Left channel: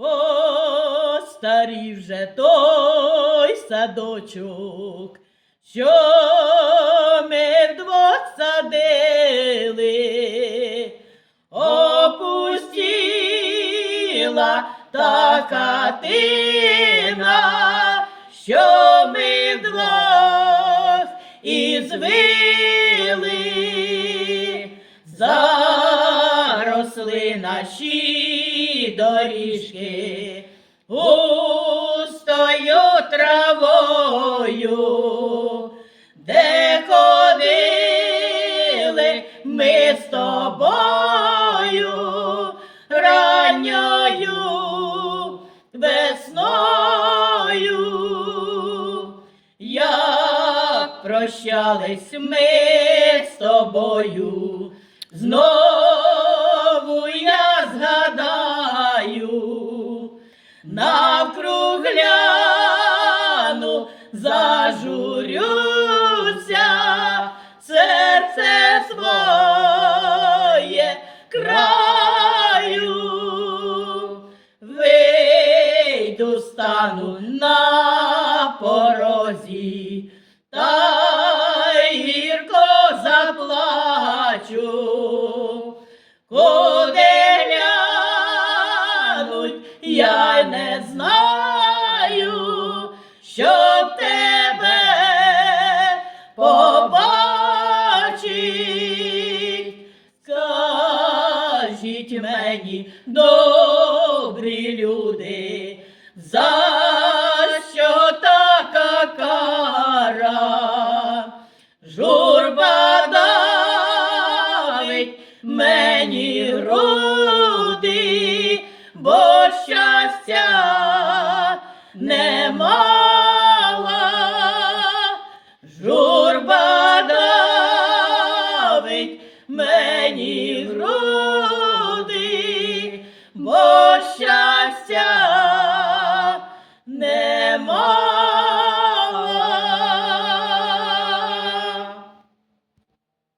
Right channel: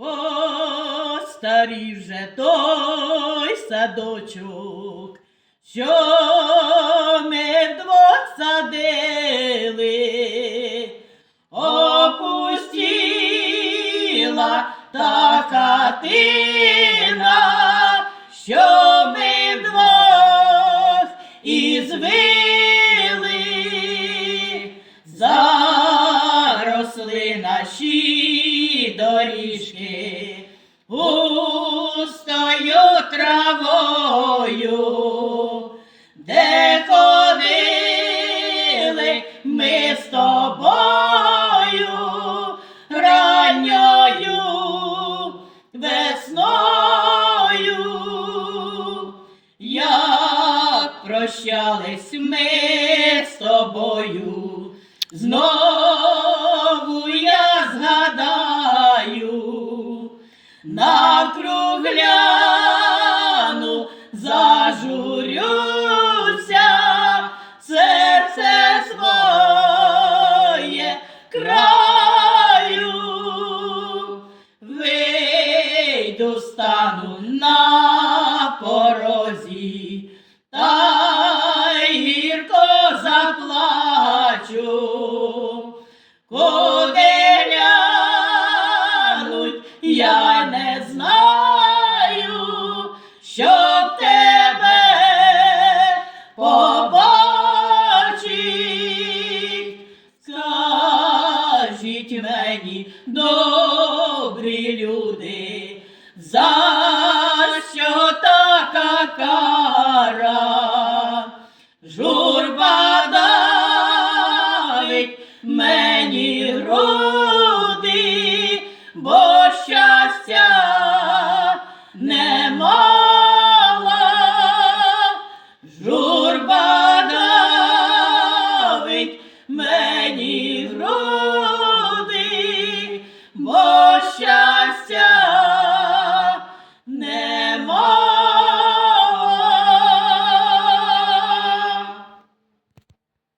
Постарів же той садочок, що ми вдвох садили, опустіла та хатина, що ми вдвох і звили, заросли наші доріжки густою травою, де ходили ми з тобою ранньою весною, як прощались ми з тобою, знову згадаю, навкруг гляну, зажурюся, серце своє краю, вийду стану на порозі, та я не знаю, щоб тебе побачить. Скажіть мені, добрі люди, за що така кара? Журба давить мені груди, бо щастя не мала. Журба давить мені